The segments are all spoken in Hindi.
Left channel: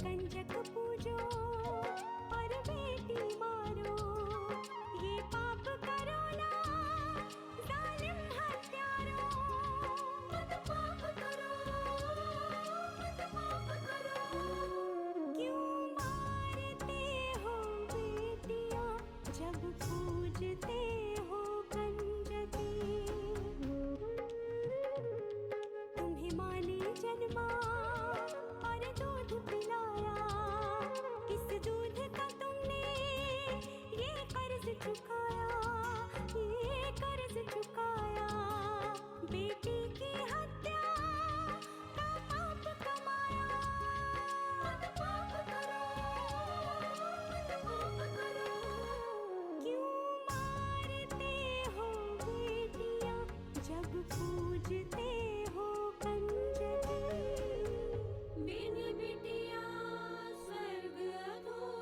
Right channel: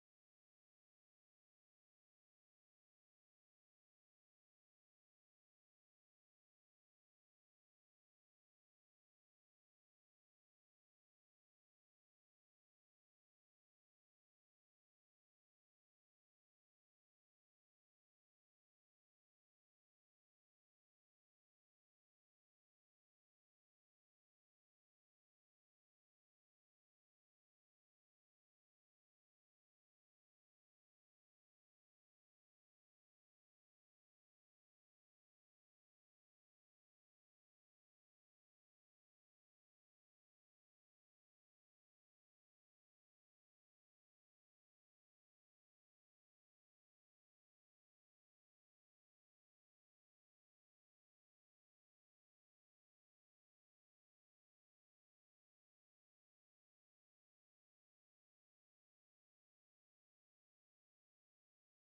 कंजक पूजो और बेटी मारो, ये पाप करो ना जालिम हत्यारों। मत पाप करो, मत पाप करो। क्यों मारते हो बेटियां जब पूजते हो कंजकी। तुम्हें माँ ने जन्मा और दूध पिलाया, इस दूध का तुमने ये कर्ज चुकाया, ये कर्ज चुकाया। बेटी की हत्या का पाप कमाया। मत पाप करो, मत पाप करो। क्यों मारते हो बेटियां जब पूजते हो कंजकी। बिन बिटिया स्वर्ग अधूरा।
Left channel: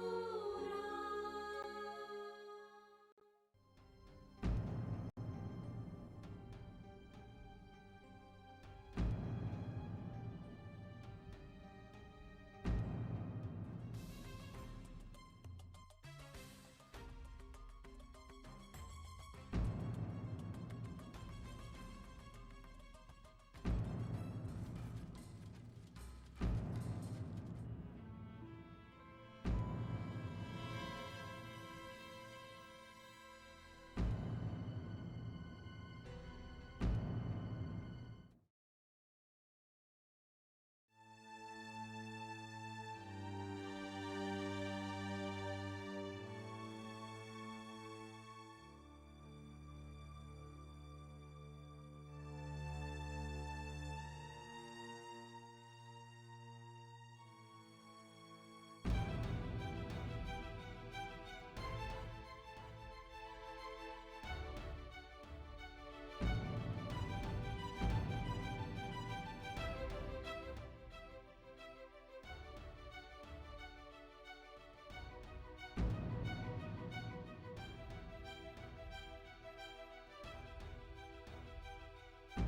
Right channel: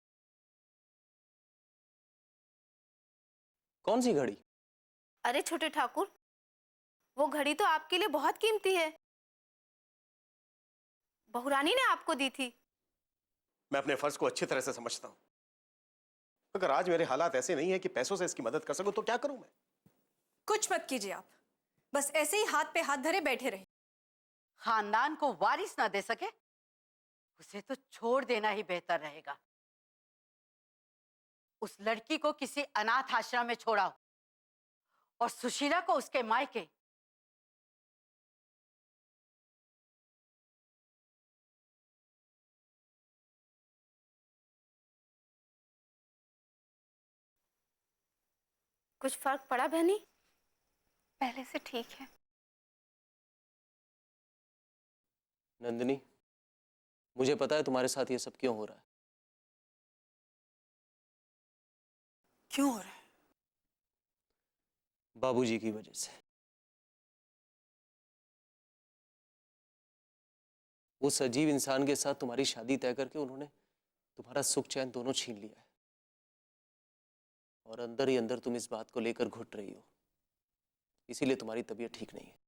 कौन सी घड़ी? अरे छोटे ठाकुर, वो घड़ी तो आपके लिए बहुत कीमती है। बहुरानी ने आपको दी थी। मैं अपने फर्ज को अच्छी तरह से समझता हूं। अगर आज मेरे हालात ऐसे नहीं है कि पैसों से इसकी मदद कर सकूं तो क्या करूं मैं? कुछ मत कीजिए आप, बस ऐसे ही हाथ पे हाथ धरे बैठे रहे। खानदान को वारिस ना दे सके उसे तो छोड़ देना ही बेहतर रहेगा। उस लड़की को किसी अनाथ आश्रम में छोड़ाओ और सुशीला को उसके मायके। कुछ फर्क पड़ा बहनी? पहले से ठीक है। नंदिनी, मुझे पता है तुम्हारे साथ ये सब क्यों हो रहा है। क्यों हो रहा है? बाबूजी की वजह से। उस अजीब इंसान के साथ तुम्हारी शादी तय करके उन्होंने तुम्हारा सुख चैन दोनों छीन लिया, और अंदर ही अंदर तुम इस बात को लेकर घुट रही हो। इसीलिए तुम्हारी तबीयत ठीक नहीं है।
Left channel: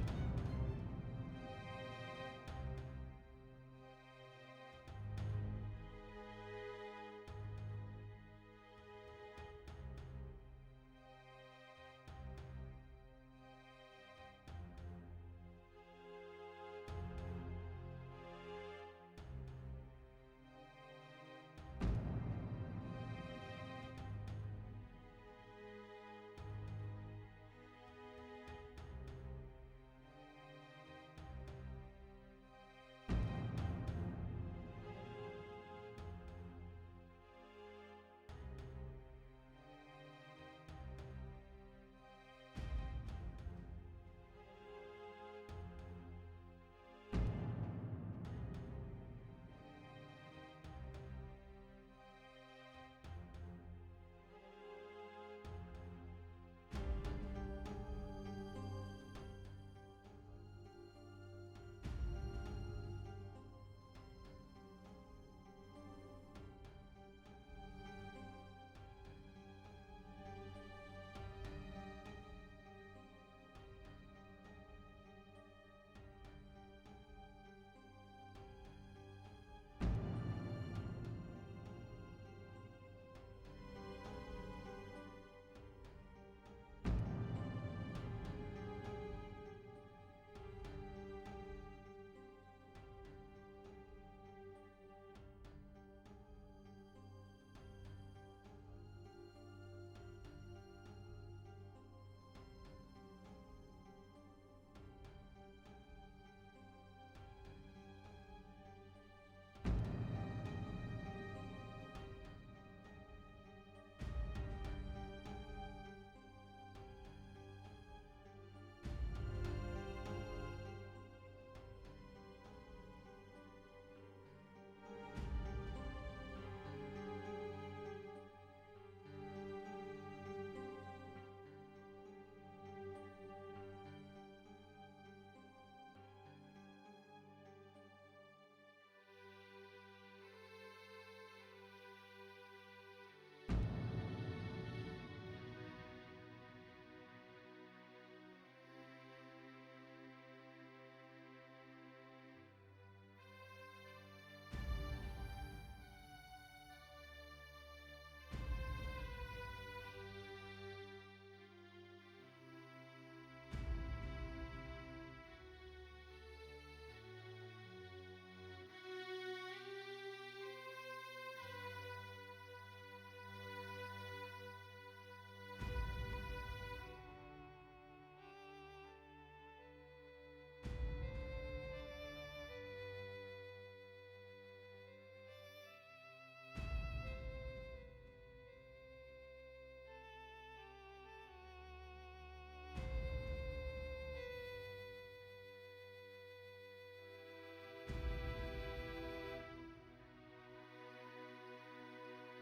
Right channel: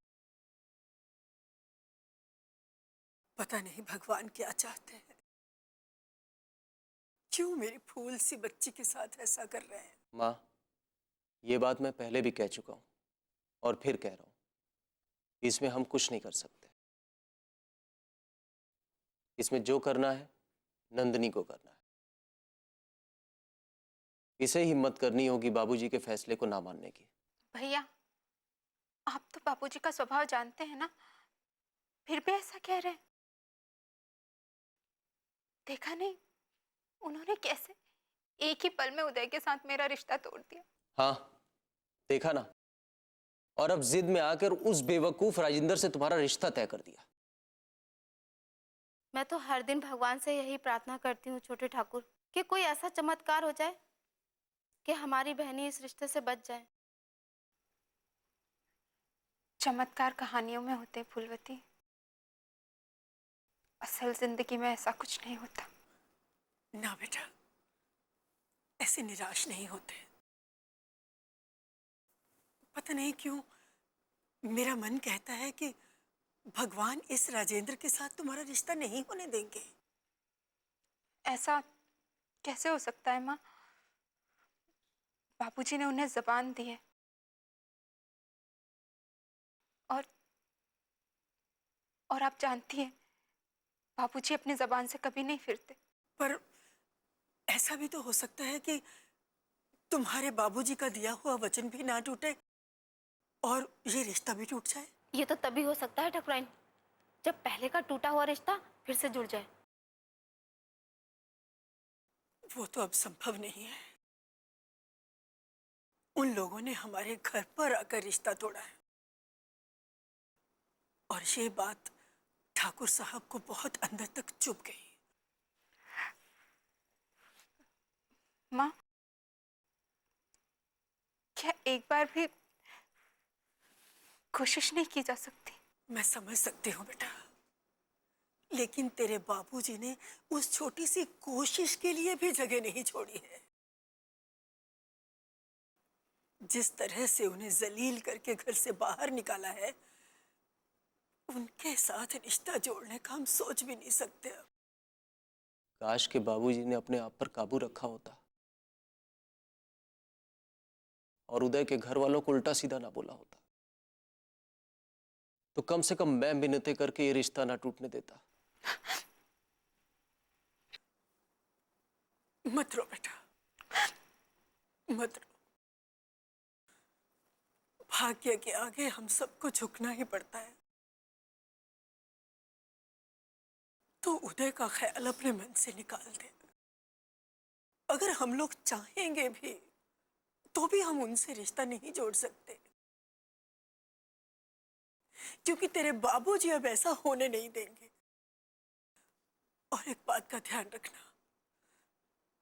पता नहीं भगवान क्या चाहते हैं, क्यों मेरी फूल सी बच्ची के साथ ऐसा कर रहे हैं। माँ, ये बात मैं पहले भी कह चुका हूं और फिर कह रहा हूं, इसमें हम कुछ नहीं कर सकते। इसमें जो करना है नंदिनी को करना है। इसे हिम्मत करनी होगी बाबूजी के फैसले को ना मानने की। भैया, आप तो बापूजी का स्वभाव जानते हैं ना, फिर भी ऐसा कह रहे हैं। देखा नहीं उन्होंने कैसे एक ही पल में उदय के साथ मेरा रिश्ता तोड़ दिया। हाँ, देखा ना, और अब जिद में आकर उस बेवकूफ राजिंदर से तुम्हारा रिश्ता तय कर दिया। मैं तो हर दिन भगवान से यही प्रार्थना करती हूँ छोटे ठाकुर, कि कोई ऐसा चमत्कार हो जाए कि हमारी बहनी इस रिश्ते से बच जाए। चमत्कार कहानियों में होते फूलवती, असल जिंदगी में ऐसा कुछ नहीं होता। ना बेटा, ऐसे निराश नहीं होते। पता नहीं क्यों मेरा मन कहता है कि भगवान इस राजेंद्र के साथ तुम्हारा रिश्ता नहीं होने देंगे। ऐसा कैसे हो सकता है माँ? बापूजी ने उन्हें जबान दी है, और आप जानती हैं बापूजी अपनी जबान से कभी नहीं फिरते। पर ऐसा भी तो हो सकता है कि तुम्हारे बाबूजी का दिया हुआ वचन भी ना टूटे और ये रिश्ता भी टूट जाए। ये तो तभी हो सकता है ठकुराइन, जब पहले का टूटा हुआ रिश्ता फिर से जुड़ जाए। वो तो अब संभव नहीं है। उन लोगों ने हमारे घर पर आकर रिश्ता तोड़ा है, और ये बात ठाकुर साहब को बहुत अंदर तक चुभ गई। माँ, क्या एक बार भी कोशिश नहीं की जा सकती? मैं समझ सकती हूँ बेटा, लेकिन तेरे बाबूजी ने उस छोटी सी कोशिश के लिए भी जगह नहीं छोड़ी है। जिस तरह से उन्हें जलील करके घर से बाहर निकाला है, उनके साथ रिश्ता जोड़ने का हम सोच भी नहीं सकते अब। काश के बाबूजी ने अपने आप पर काबू रखा होता और उदय के घर वालों को उल्टा सीधा ना बोला होता, तो कम से कम मैं मिन्नतें करके ये रिश्ता ना टूटने देता। मत रो बेटा, मत रो। भाग्य के आगे हम सबको झुकना ही पड़ता है। तो उदय का ख्याल अपने मन से निकाल दे। अगर हम लोग चाहेंगे भी तो भी हम उनसे रिश्ता नहीं जोड़ सकते, क्योंकि तेरे बाबूजी अब ऐसा होने नहीं देंगे। और एक बात का ध्यान रखना,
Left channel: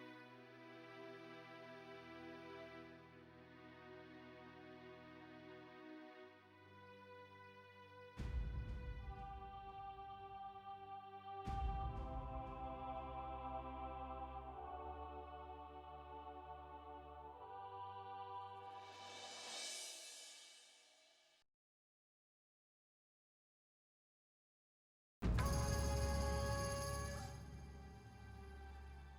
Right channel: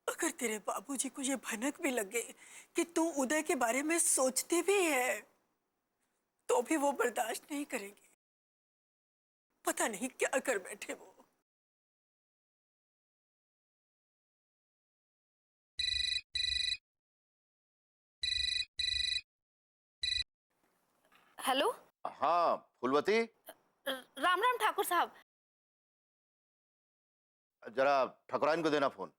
अगर तेरे बाबूजी को ये भनक भी लगे कि तू उदय के बारे में सोचती भी है, तो भी वो बर्दाश्त नहीं करेंगे। पता नहीं क्या कर बैठे वो। हेलो। हाँ फूलवती, राम राम ठाकुर साहब। जरा ठकुराइन को देना फोन।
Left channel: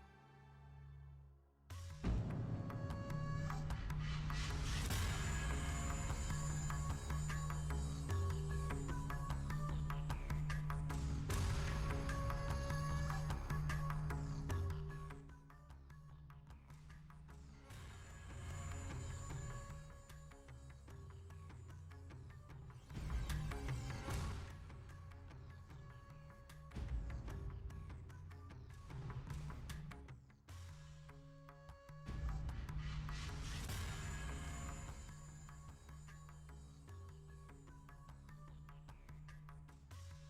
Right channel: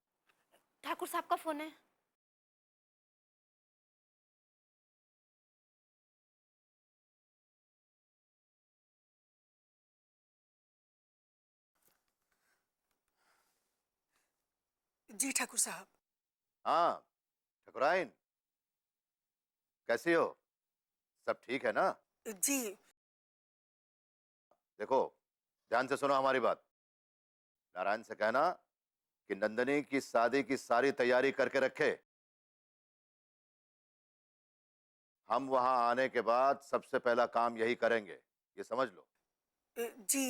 ठाकुर साहब का फोन है। जी ठाकुर साहब। हाँ ठकुराइन, कैसी हो? सब ठीक है ना? जी। देखो ध्यान से सुनो हमारी बात। नारायण से कहना कि नंदिनी की शादी की सारी तैयारी करके रखे। हम वहां आने के बाद सबसे पहला काम यही करेंगे, ये समझ लो। जी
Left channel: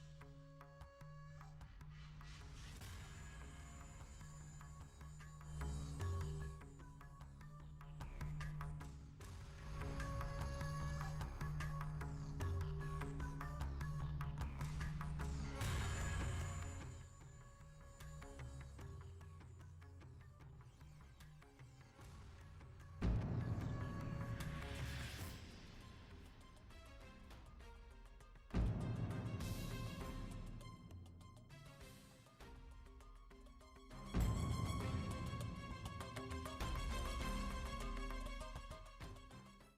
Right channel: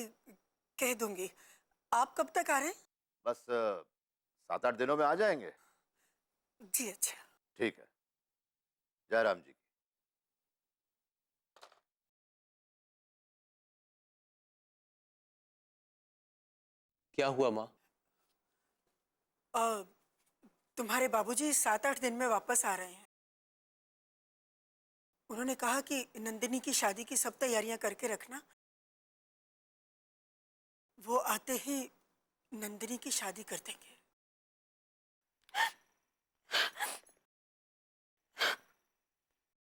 कह दूंगी। आप कब तक आ रहे हैं? बस 7-8 दिनों में आ जाएंगे। जी अच्छा। ठीक है, जय राम जी। क्या हुआ माँ? तुम्हारे बाबूजी 7-8 दिन में वापस आ रहे हैं। उन्होंने कहा कि नंदिनी की शादी की सब तैयारियां करके रखना। वो आते ही नंदिनी की शादी कर देंगे।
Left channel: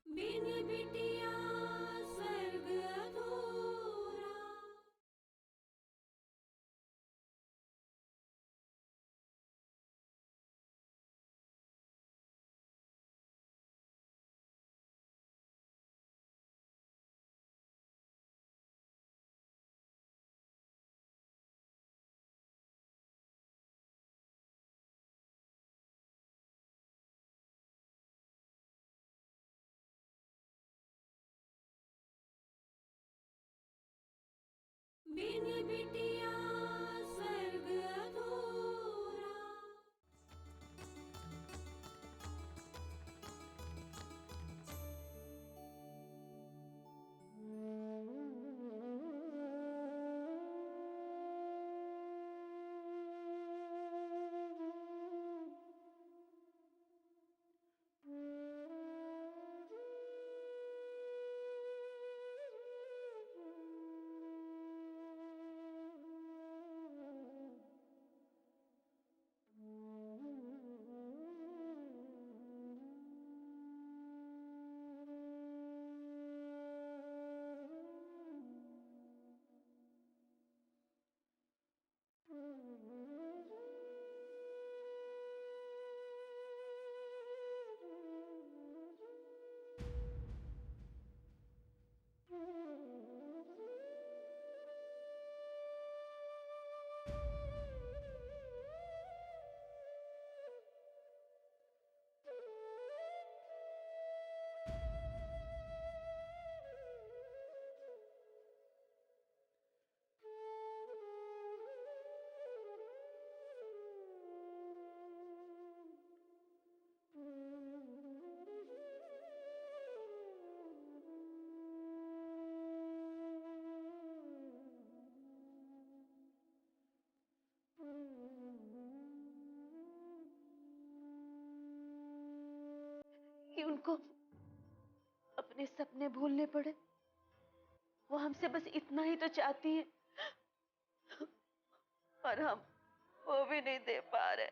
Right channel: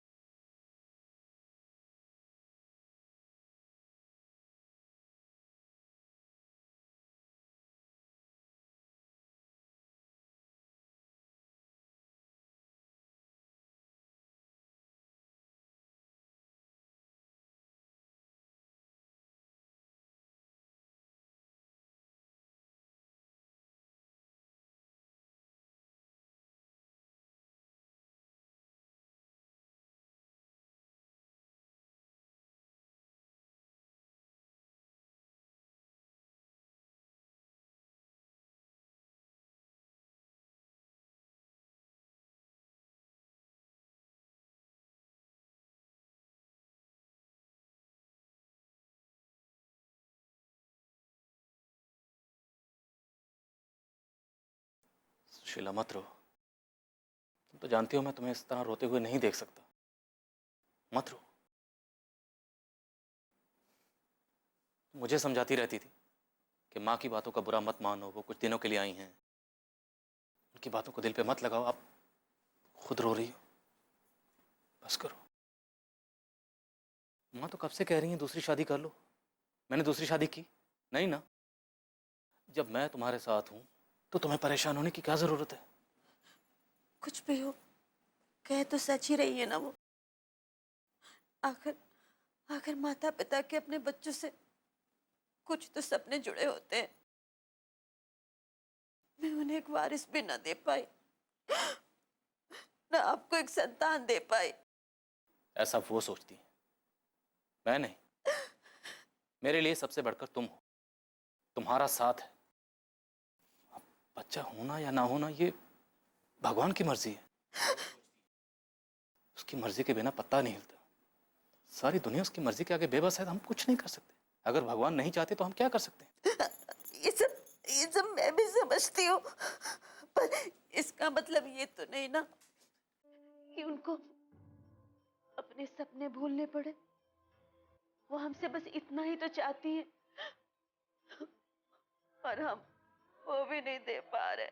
बिन बिटिया स्वर्ग अधूरा। बिन बिटिया स्वर्ग अधूरा। शीला मत रो। तुम तो जानती हो मैं तुम्हें इस तरह रोते हुए नहीं देख सकता। मत रो। मुझे समझाती रहती थी कि माँ की बातों का बुरा मत मानो, वो कुछ दिनों के लिए आई हैं, उनकी बातों को दिल पे मत लगाओ। आप खुद रो रही हो, बस करो। माँ तो कब से कह रही हैं दूसरी शादी कर लो। मैंने दूसरी शादी की नहीं ना। जब मैं तुम्हारे साथ हूं तो तुम्हें परेशान होने की क्या जरूरत है? कुछ भी हो, कह तो सच ही रही है ना वो। आखिर आखिर माता पिता के अपने बच्चों से कुछ तो सपने जुड़े होते हैं। मैं उन्हें एक वारिस भी ना दे पाई, ना आपको एक संतान दे पाई। ऐसा वो सोचती है, मैं नहीं। मेरे लिए सबसे बढ़कर तुम हो, तुम्हारा साथ है। अब बच्चा होना या ना होना ये भगवान की मर्जी है। उसकी मर्जी के बिना पत्ता नहीं हिलता। सारी दुनिया उसकी मर्जी के आगे बेबस है, तो हम कुछ नहीं कर सकते। अगर भगवान नहीं चाहते तो हम क्या कर सकते हैं? ये सब मैं भी समझती हूँ, पर इसका मतलब ये तो नहीं ना कि उनको अपने सपने भूलने पड़े। वो हमसे बस इतना ही तो चाहती है, और वो भी नहीं दे पा रहे।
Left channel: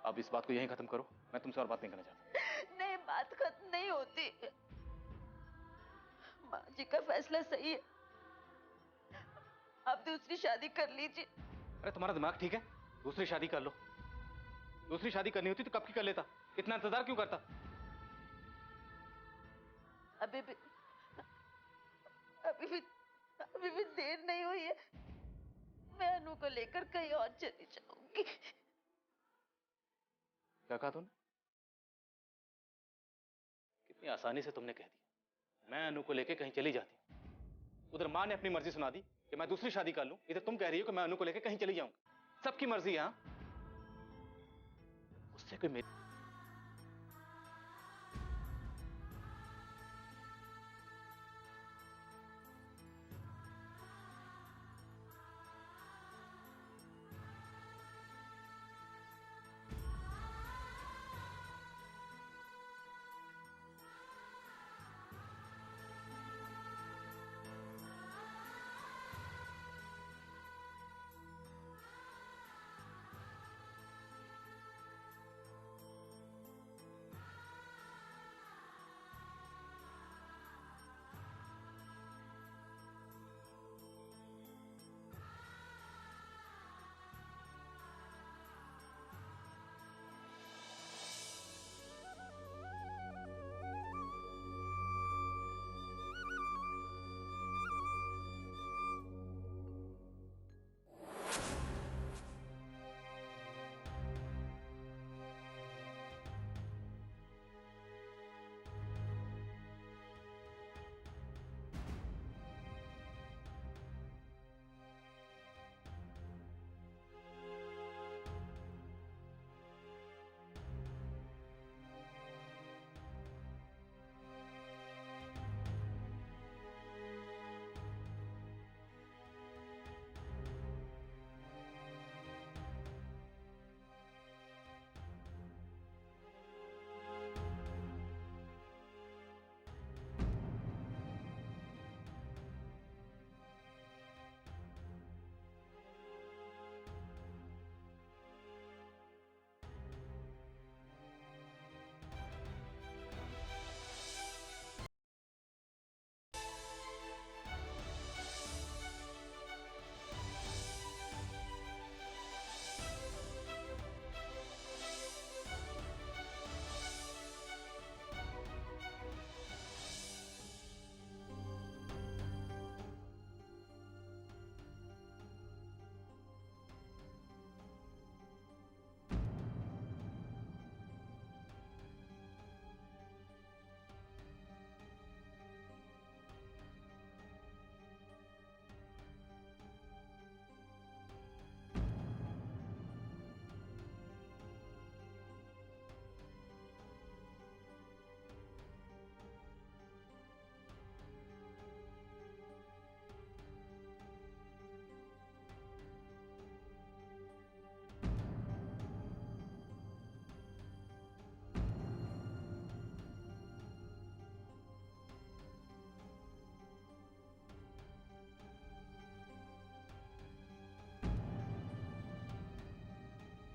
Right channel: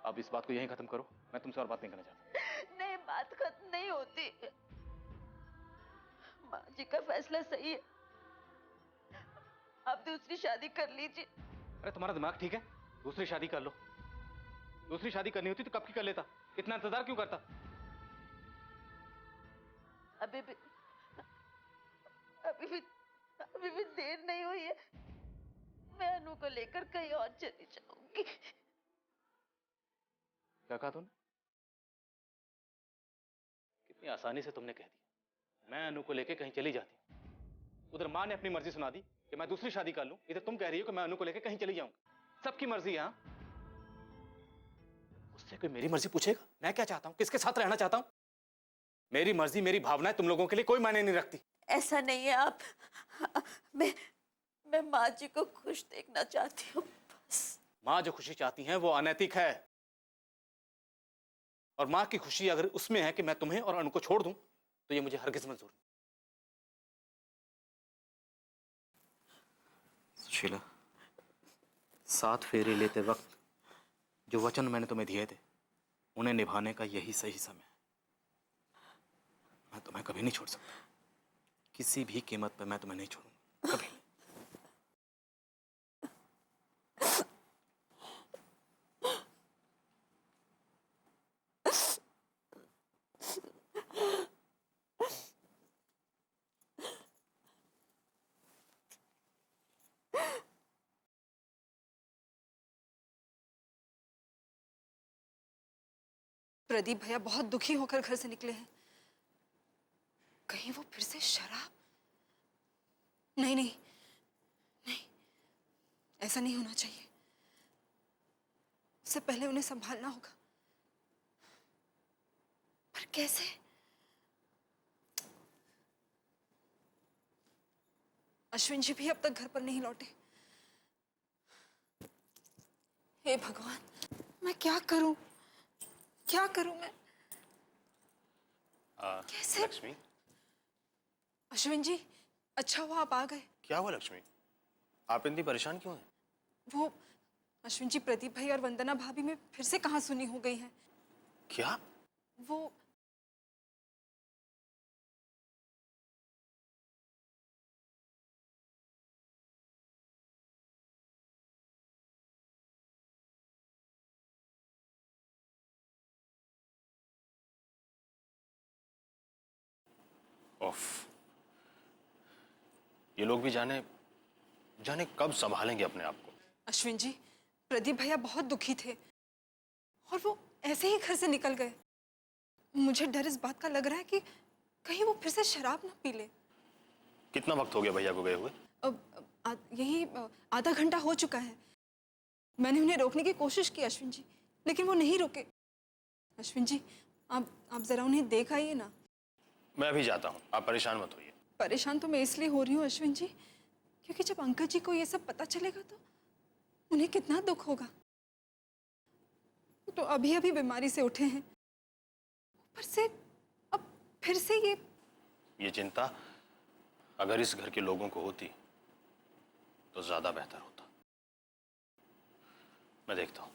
अब इस बात को यहीं खत्म करो, मैं तुमसे और बात नहीं करना चाहता। नहीं, बात खत्म नहीं होती। माँ जी का फैसला सही है, आप दूसरी शादी कर लीजिए। अरे तुम्हारा दिमाग ठीक है? दूसरी शादी कर लो। दूसरी शादी करनी होती तो कब की कर लेता, इतना इंतजार क्यों करता? अभी भी अभी भी देर नहीं हुई है। मैं अनु को लेकर कहीं और चली जाऊंगी। क्या कहा तूने? कितनी आसानी से तुमने कह दिया मैं अनु को लेकर कहीं चली जाती हूँ। उधर माँ ने अपनी मर्जी सुना दी कि मैं दूसरी शादी कर लूं, इधर तुम कह रही हो कि मैं अनु को लेकर कहीं चली जाऊंगी। सबकी मर्जी है। उससे कोई मेरी मर्जी पूछेगा मैं क्या चाहता हूं, किसके साथ रहना चाहता हूं? मेरी मर्जी, मेरी भावनाएं तुम लोगों के लिए कोई मायने नहीं रखती। ऐसा नहीं है आप। मैं माँ जी को खुश देखना चाहती हूँ। माँ जो खुशी चाहती हैं वो अनैतिक है, और माँ की खुशी अगर उसमें है कि मैं तुम्हें और अनु को छोड़ दूं तो ये मुझे हरगिज मंजूर नहीं। शीला, 7 फेरे लेते वक्त जो वचन मैंने तुम्हें दिए थे उन्हें निभाने का यही सही समय। मैं तुम्हें कभी नहीं छोड़ सकता, किसी भी कीमत पर मैं तुम्हें नहीं छोड़ूंगा, कभी नहीं। प्रदीप भैया बहुत दुखी होकर घर से निकले हैं। कहीं वो फिर से शराब? नहीं नहीं नहीं, ऐसा नहीं होना चाहिए। उससे पहले उन्हें संभालना होगा। पर कैसे? अश्विन जी भी अब तक घर पर नहीं लौटे। हे भगवान, मैं क्या करूं? क्या करूं मैं? कैसे? लक्ष्मी, अश्विन जी, अच्छा हुआ आप आ गए। क्या हुआ लक्ष्मी? आप इतनी परेशान क्यों हैं? वो अश्विन जी, प्रदीप भाई और वंदना भाभी में फिर से कहासुनी हो गई है। क्या? वो ऑफ। ये लोग भी जाने जाने कब संभालेंगे अपने आप को। अश्विन जी, प्रदीप भैया बहुत दुखी थे और वो ऐसे ही घर से निकल गए। मुझे डर इस बात का लग रहा है कि कहीं वो फिर से शराब न पी ले। कितना वक्त हो गया भैया को गए हुए? यही आधा घंटा हो चुका है। मैंने उन्हें रोकने की कोशिश की अश्विन जी, लेकिन वो नहीं रुके। अश्विन जी, आप जरा उन्हें देख आइए ना। मैं अभी जाता हूँ, आप परेशान मत होइए। परेशान तो मैं इसलिए हो रही हूँ अश्विन जी, क्योंकि जब अंकल जी को ये सब पता चलेगा तो उन्हें कितना दुख होगा। तो अभी अभी बीमारी से उठे हैं, पर से अब फिर से ये चिंता अगर इस घर के लोगों को होती तो ज्यादा बेहतर होता। मैं देखता हूँ।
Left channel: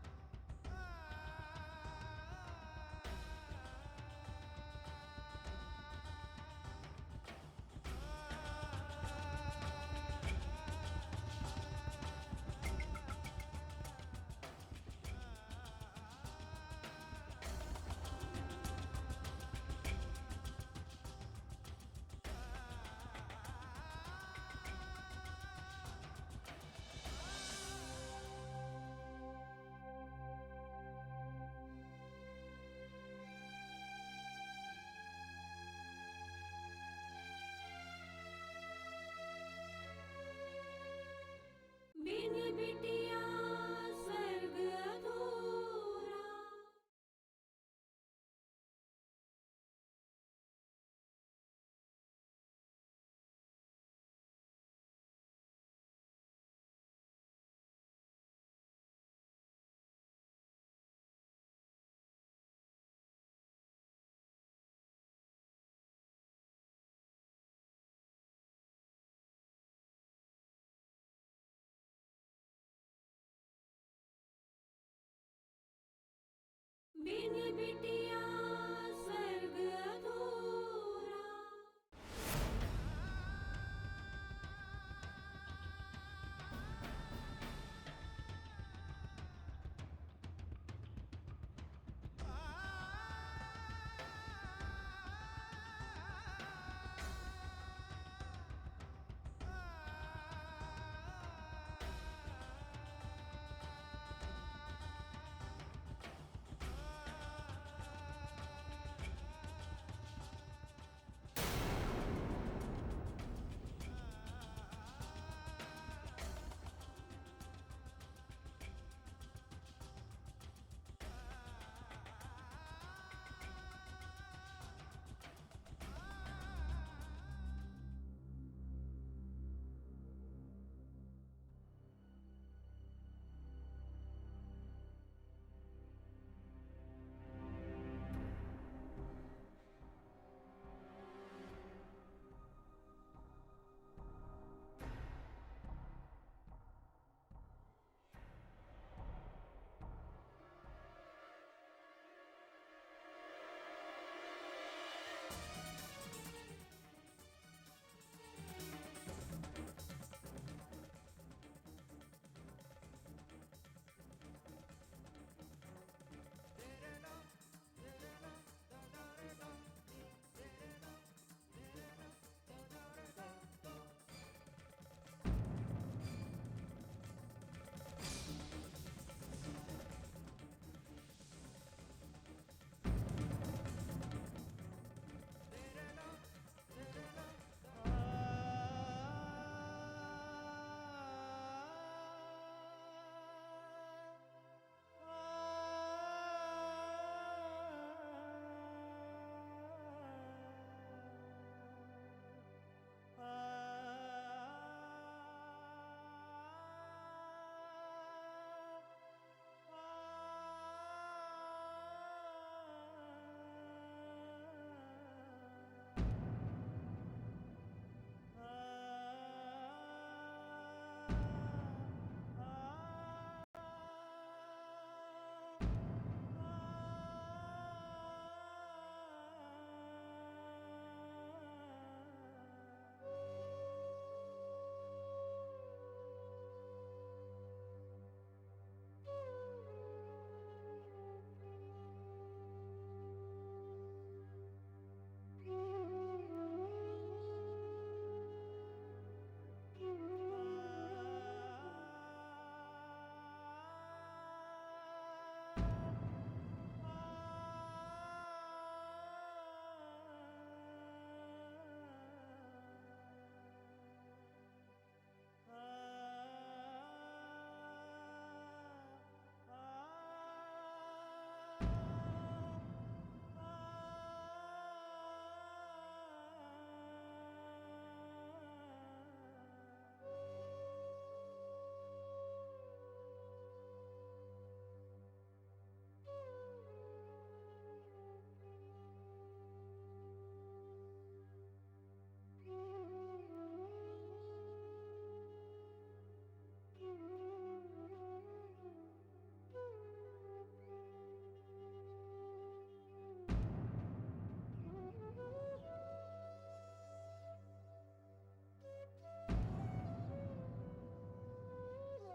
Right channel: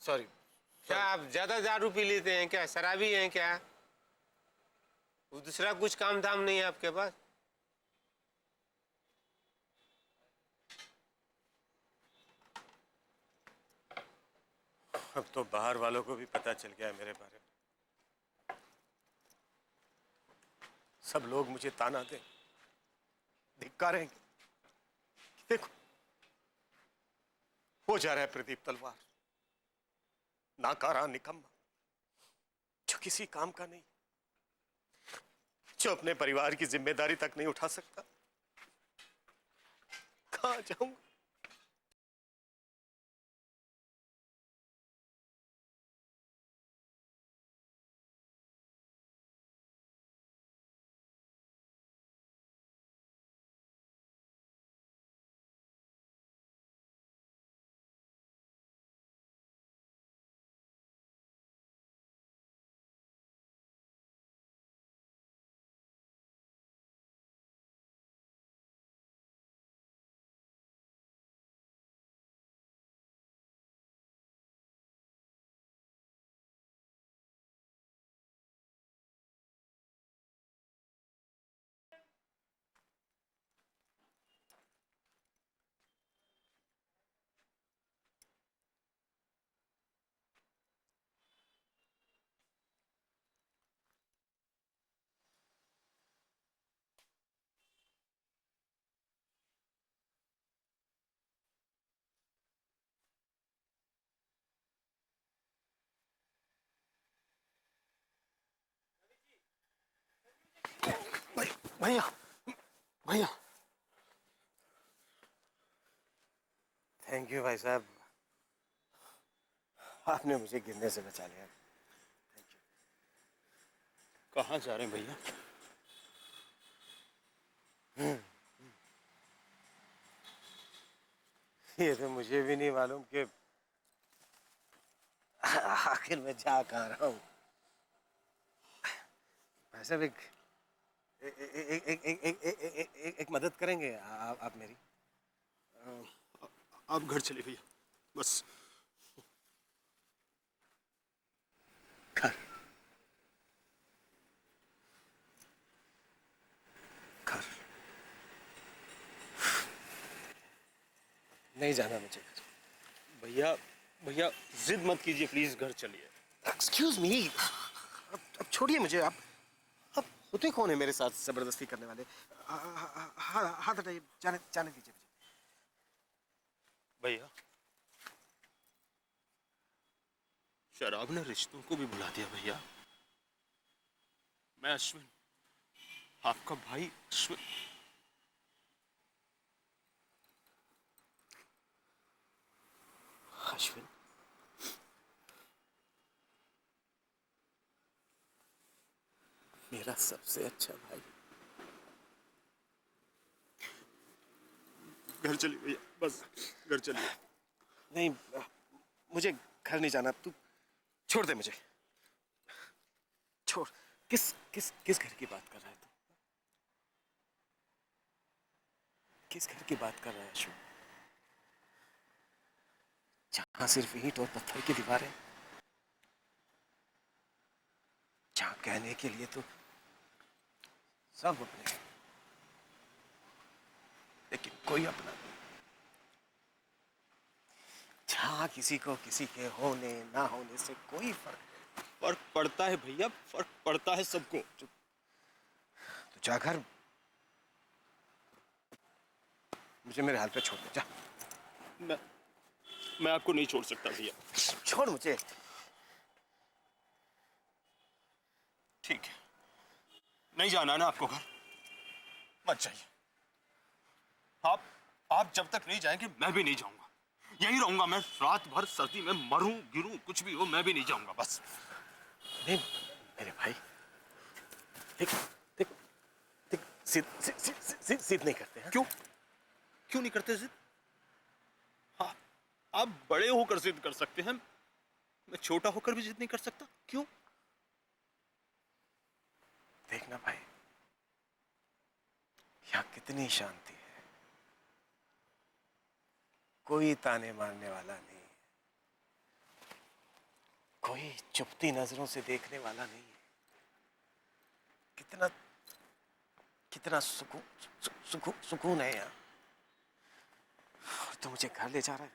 सॉरी, क्या आप ज्यादा दारू पी लेते हैं क्या? शराबी हैं क्या? दूसरा कुछ काम धाम नहीं है आपके पास? अब तो बाहर वालों को भी पता चल गया है मेरे बारे में। सब लोग मुझे ताना दे, धिक्कारेंगे। देखो, हो जा रहा है प्रदीप तलवार, नाकारा, निकम्मा, जो किसी काम का नहीं, जो अपने परिवार की जिम्मेदारी तक नहीं उठा सकता। कहां जाऊं? बिन बिटिया बिन बिटिया स्वर्ग अधूरा। भैया भैया, थैंक यू भाई साहब, आपने मुझे गिरने से बचा लिया। कहाँ जा रहे हैं भैया? ये तो मुझे भी नहीं मालूम कि आखिर मैं जा कहाँ रहा हूँ। वैसे भी एक मदद करेंगे आप मेरी? आप घर चले भैया, बस। घर घर नहीं जाना मुझे। भैया भैया जिद मत कीजिए प्लीज, घर चलिए। एक्सक्यूज मी, अब छोड़िए मुझे। आप होते कौन है मेरे साथ जबरदस्ती करने वाले? हाथ हटाइए, जाने दीजिए। भैया शराब ने रिश्तों को भी बुला दिया भैया। मैं अश्विन, आपका भाई अश्विन। अश्विन, मेरा सबसे अच्छा भाई। घर चलिए भैया, बस घर चलिए। नहीं, मुझे घर नहीं जाना। तू छोड़ दे मुझे, छोड़। किस किस किस घर की बात कर रहा है तू? किस घर की बात कर रहा है अश्विन? जहां सिर्फ ईंट और पत्थर की दीवारें, जहां कहने के लिए तो सब अपने, लेकिन कोई अपना नहीं। जहां किसी को किसी के होने ना होने से कोई फर्क पड़ता है भैया, फर्क पड़ता है सबको। तो जाकर मुझे मेरे हाथ पे छोड़ दे, जा। मैं आपको नहीं छोड़ सकता भैया। छोड़ मुझे। ठीक है, नहीं जाना है ना आपको घर? मत जाइए। आप जब तक नहीं जाएंगे मैं भी नहीं जाऊंगा। यहीं रहूंगा मैं, रात भर सर्दी में मरूं गिरूं कुछ भी हो, मैं भी नहीं जाऊंगा बस। नहीं मेरे भाई, देख देख देख, जिद नहीं करते हैं। क्यों नहीं करते जिद? आप बड़े होकर जिद कर सकते हैं, मैं छोटा होकर भी जिद नहीं कर सकता। क्यों? देखना भाई, यहाँ कितनी शांति है, कोई ताने मारने वाला नहीं, कोई चुपती नजरों से देखने वाला नहीं है। कितना कितना सुकून है यहाँ। और तू मुझे घर ले जा रहा है?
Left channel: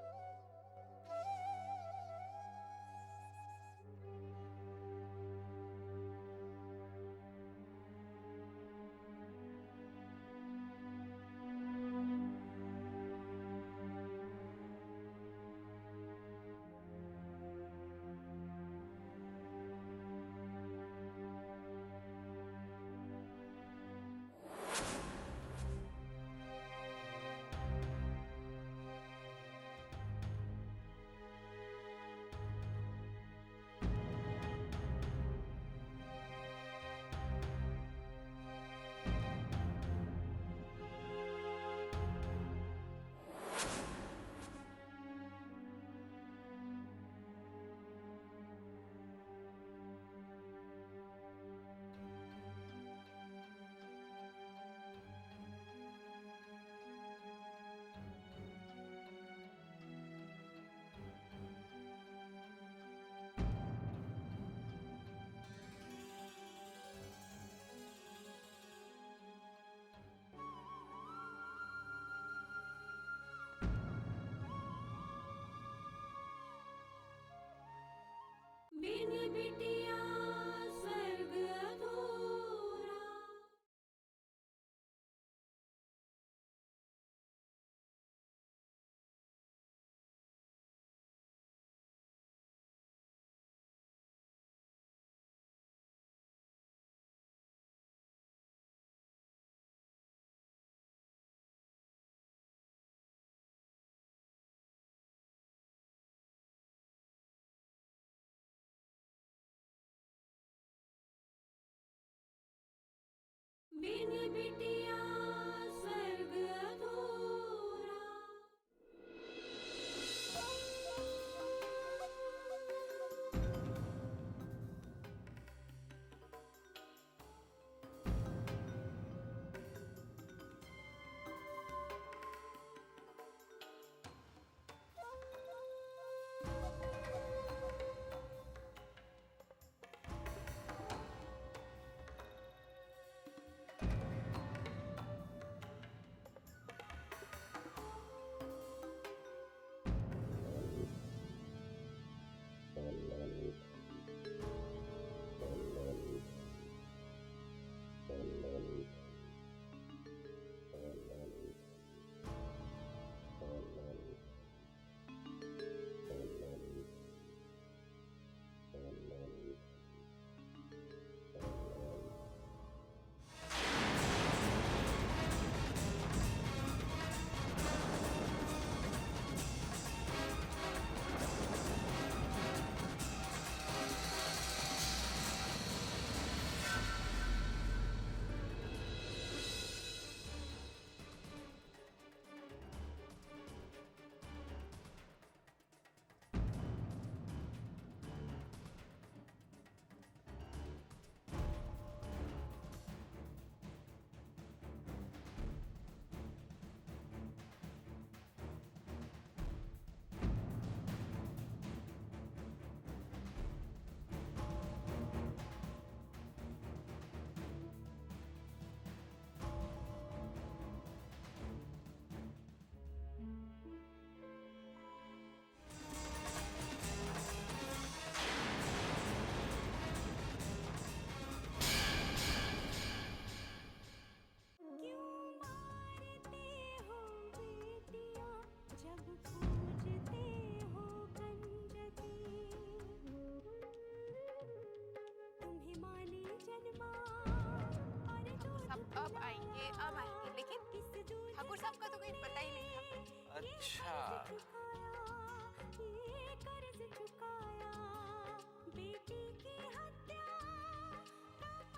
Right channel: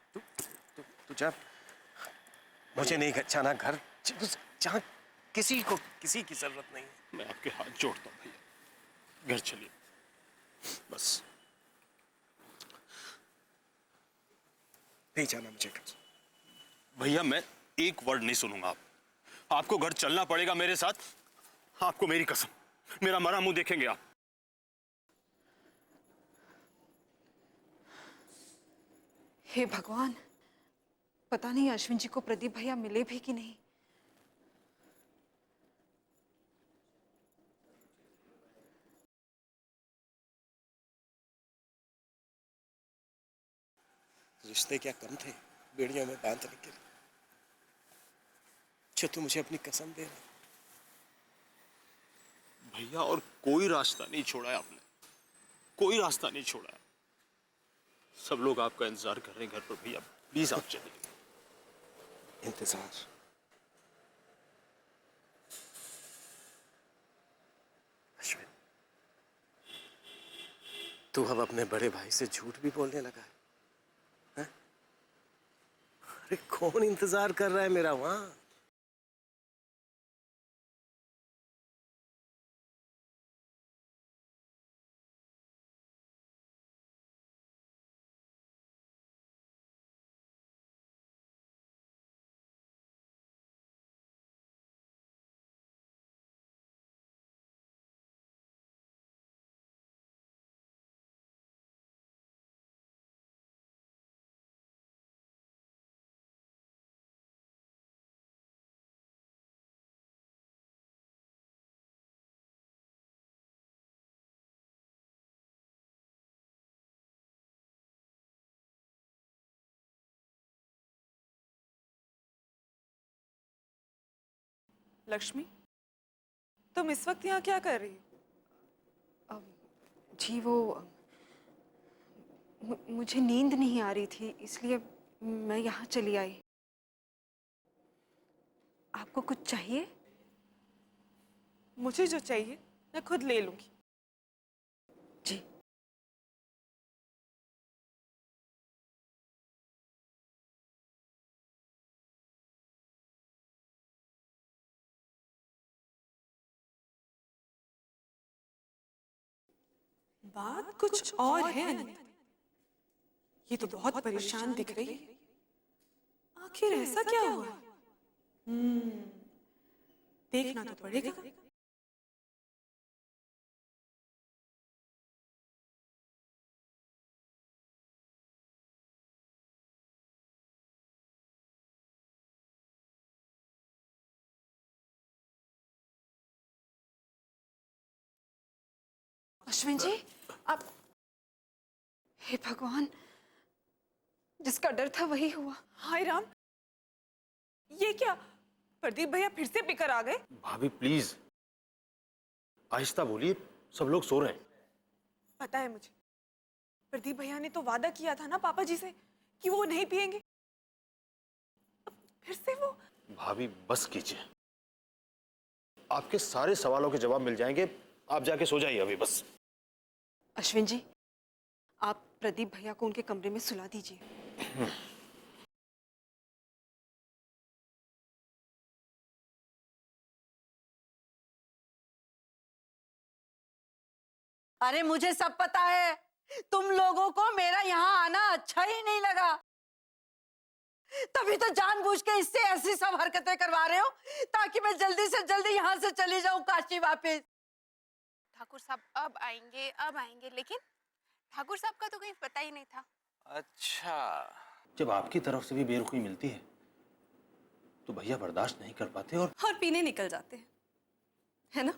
तू जा। मुझे नहीं जाना घर जहाँ किसी को किसी की जरूरत नहीं है। मैं आपके हाथ जोड़ता हूँ भैया, घर चलिए बस। नहीं जाना मुझे घर। भैया मैं एक वर्ड नहीं सुनूंगा। आपको घर चलना पड़ेगा मेरे साथ। आपको मेरी कसम, मेरा मरा मुंह देखेंगे आप। हे भगवान, पता नहीं अश्विन जी को प्रदीप भैया मिले भी कि नहीं। रिश्ते क्या कम थे बेड़ियों में बांधने के लिए, जो तू मुझे अपनी कसम दे रहा। भैया और कोई रास्ता नहीं छोड़ा है आपने, कोई रास्ता नहीं छोड़ा है। सब लोग आपका इंतजार कर रहे हैं घर पर। भैया प्लीज आप चलिए। इंतजार तू अब अपने बड़े भाई से झूठ भी बोलने लगा है? अरे कौन इंतजार कर रहा है मेरा वहां? बिन बिटिया स्वर्ग अधूरा। बिन बिटिया स्वर्ग अधूरा। लक्ष्मी, तुम इस वक्त यहाँ क्या कर रही हो? जी वो मुझे नींद नहीं आ रही थी, इसलिए मैं यहाँ चली आई। आपको कुछ चाहिए? मुझे जो चाहिए मैं खुद ले लूंगी। जी। बात कुछ और है अनंत। ये तो बहुत परेशान दिख रही है। आखिर ऐसा क्या हुआ? देखना तो पड़ेगा। अश्विन जी, आप, हे भगवान, जिसका डर था वही हुआ। हाय राम, ये क्या? प्रदीप भैया फिर से पिकर आ गए? भाभी प्लीज आहिस्ता बोलिए, सब लोग सो रहे हैं। पता है मुझे, प्रदीप भैया ने तो वादा किया था ना पापा जी से कि वो नहीं पिएंगे। अब फिर से वो। भाभी बस कीजिए, आपके सारे सवालों के जवाब मिल जाएंगे। आप जाके सो जाइए अभी बस। अश्विन जी, आप प्रदीप भैया को उनके कमरे में सुला दीजिए। अरे मुझे सब पता है, तुम लोगों को मेरा यहाँ आना अच्छा ही नहीं लगा, तभी तो जानबूझ के इससे ऐसी सब हरकतें करवा रहे हो ताकि मैं जल्दी से जल्दी यहाँ से चली जाऊँ काशी वापस। ठाकुर साहब अब आएंगे, लेकिन ठाकुर साहब का तो कहीं पता ही नहीं था। अच्छा, जब आपकी तरफ से भी बेरुखी मिलती है तो भैया बर्दाश्त नहीं कर पाते और पीने निकल जाते हैं, है ना?